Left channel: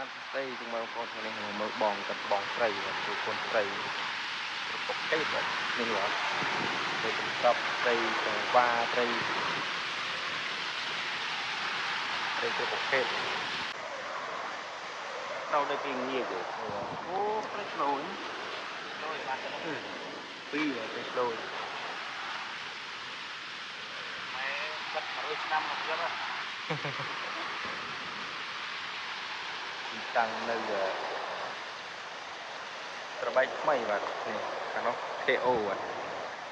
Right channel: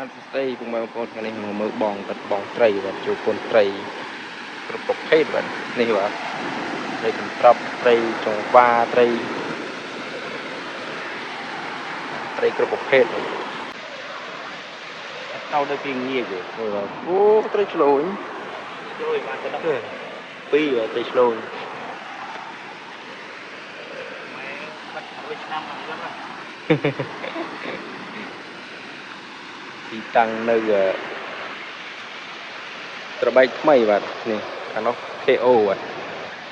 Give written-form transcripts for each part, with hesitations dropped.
បានសរសេរពុកម៉ែបងប្អូនថ្ងៃនេះមកមើលបងកាត់បងត្រីបាទជួបកូនត្រីគ្រប់ប្រភេទបាទនេះបាទត្រីកន្ត្រប់ត្រីចង្វាត្រីគ្រប់ប្រភេទថៅដូចពីងាយទេនេះបាទអូត្រីឆ្លូញបានទៅដល់ពីរត្រីឆ្លូញទីតាំងនៅត្របែកថ្មីបាទនេះខាងនោះ KO បាទ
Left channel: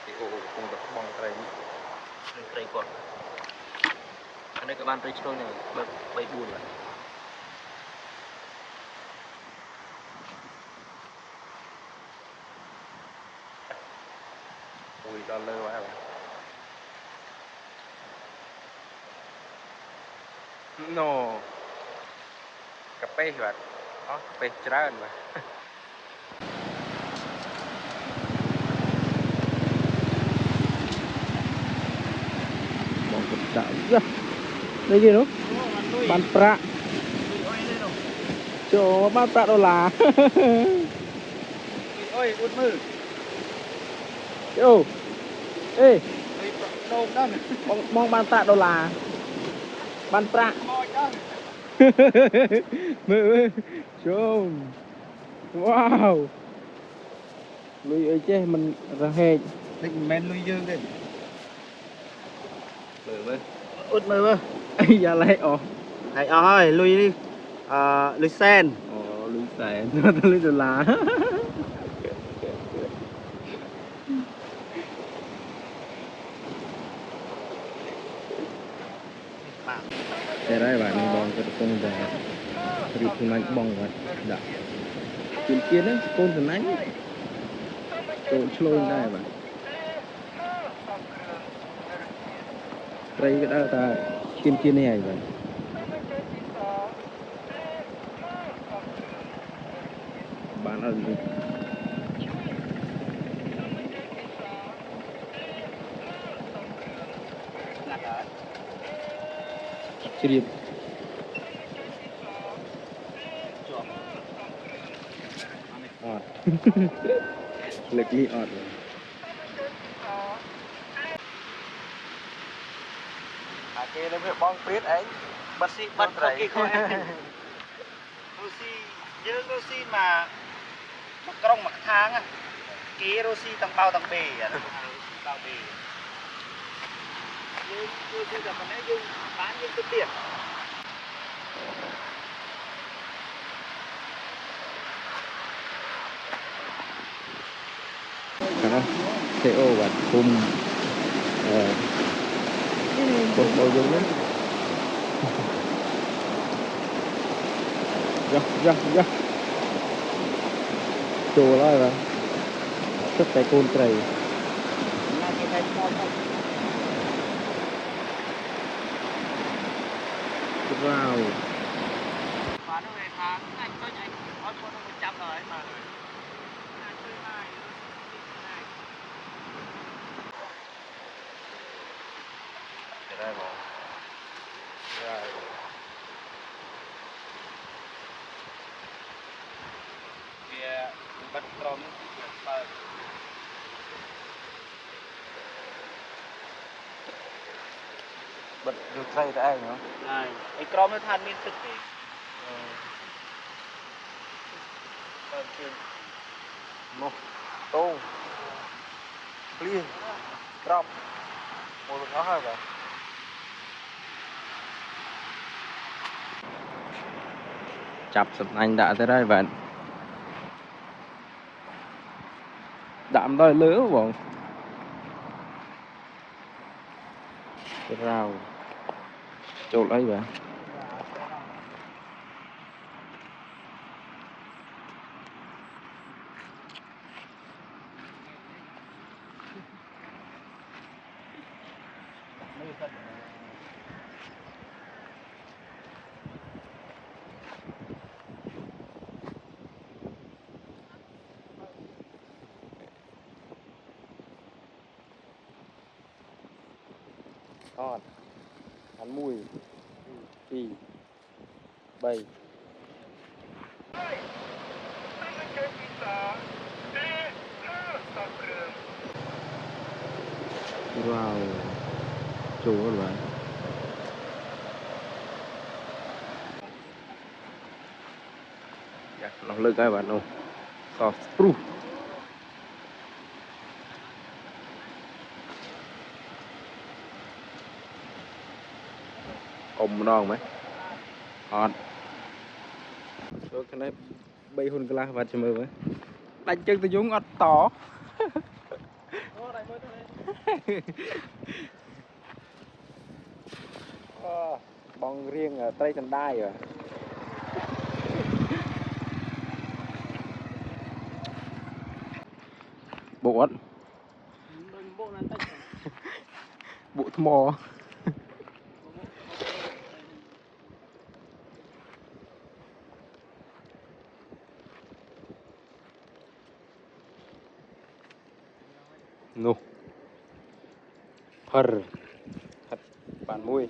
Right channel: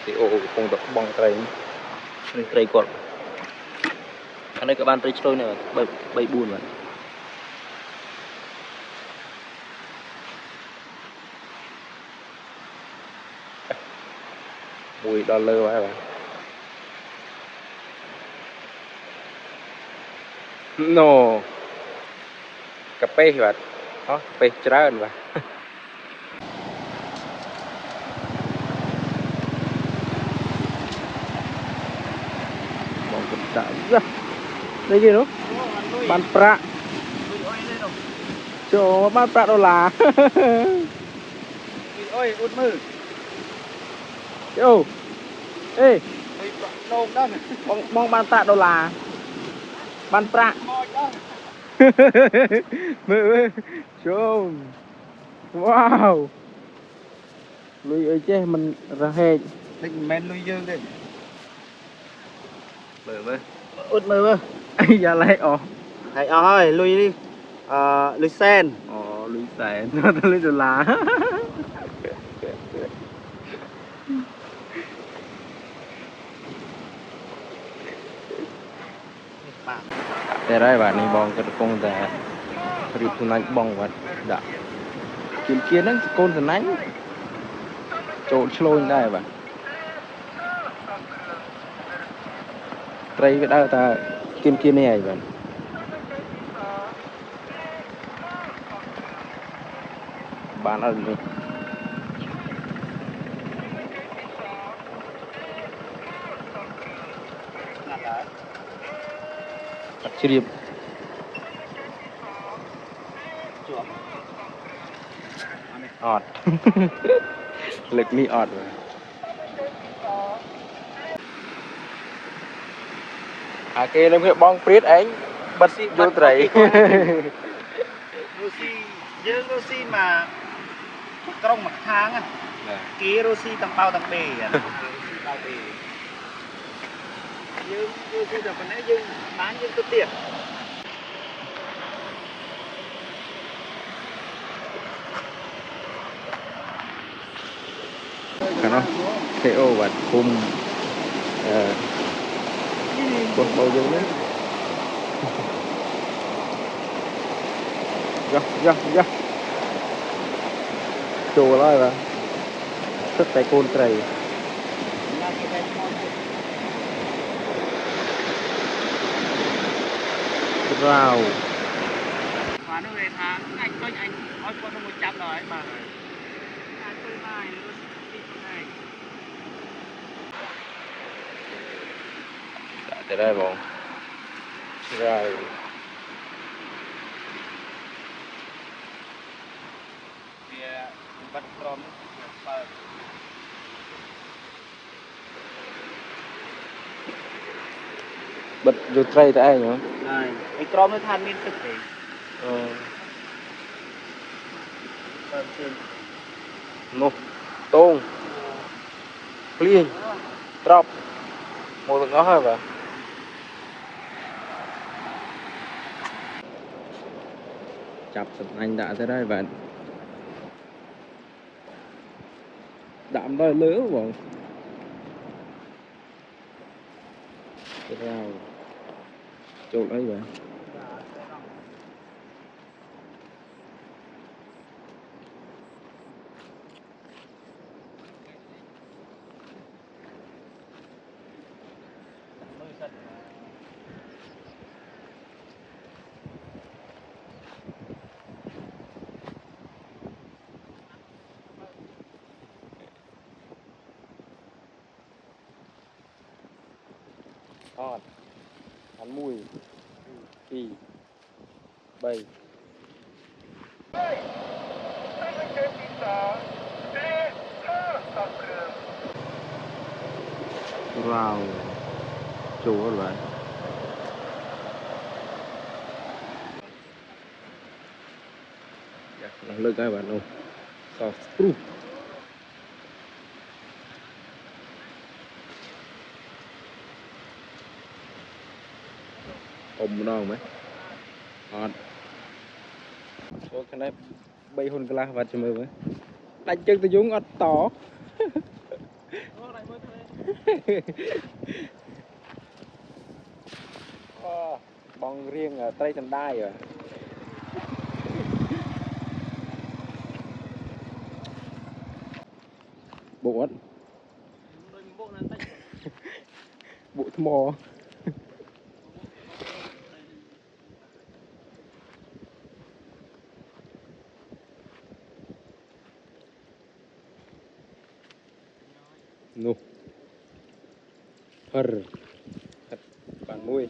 KO កំពុងតែបងត្រីនេះត្រីគាត់ខាងនេះក៏បានត្រីឆ្លូញដែរបាទ3 4បាទមួយដល់លើហើយបាទណូកាប៉េបាទអូកាប៉េច្រើនបាទបងក៏ដាក់នេះគេនោះបានប្រាក់ចូលបានប្រាក់ដុល្លារអើយអ៊ុតមើលយោអេដូងដល់បងបានប្រាក់ដុល្លារបានប្រាក់មើលចូលវ៉ាវលុយអីចេះមិនរហែកនេះមិនមែនលុយយើងទេមើលអ៊ុតមើលអីយ៉ាឡែកអស់ហើយអស់ហើយលុយនេះលុយសែនអូលុយសែនទៅលុយដុល្លារតែហើយបាទនេះបងកំពុងតែរៀបសំណាញ់បងបាទដាក់ជាហ្នឹងកូនសំណាញ់ចូលឆ្លូញដែរបាទត្រីវាដើរតែគៀននេះហើយបាទបានអត់នេះណាស់ហើយអត់ជ្រាបជាប់អត់លើកនេះអត់អាគេនឹងវាបងព្រាតឯងបិទយល់ត្រីរូស៊ីយើងរូស៊ីមកក្រុងមកខាងគេរូស៊ីទាំងបៅទាំងបេយើងរូស៊ីតែប៉ុណ្ណេះយើងបានយើងទៅទៀតខាងនោះ KO បាទគុំកូនបើយើងនេះយ៉ាចូលហើយបាទទឹកតែកូនត្រីរ៉ាវតែដែរបងរ៉ាវបាត់ក្រមបិទយកត្រីទៅឯងហ៎ហើយឯក្រមនោះថាមានទឹកទេនោះតងភ្លៀងត្រប់មកទាំងអស់ហើយបាទចាប់សំណាញ់ដាក់ទៅហើយបាទដាក់មិនដល់លើបងរ៉ាវចូលអីបាទអត់អាន1 2 3 Wow, chú các bạn. Nó lực các bạn không? Sauce proof. Ôm non mấy. Ngon. Số cái này bay hôn cái lá và chìm mơ mấy. Đánh chân tôi dùng ọt tỏ. Bong riêng ở Tây Trần Đai rồi. Bộ ớt. Bộ thơm mò. No. Phật. Bản môi.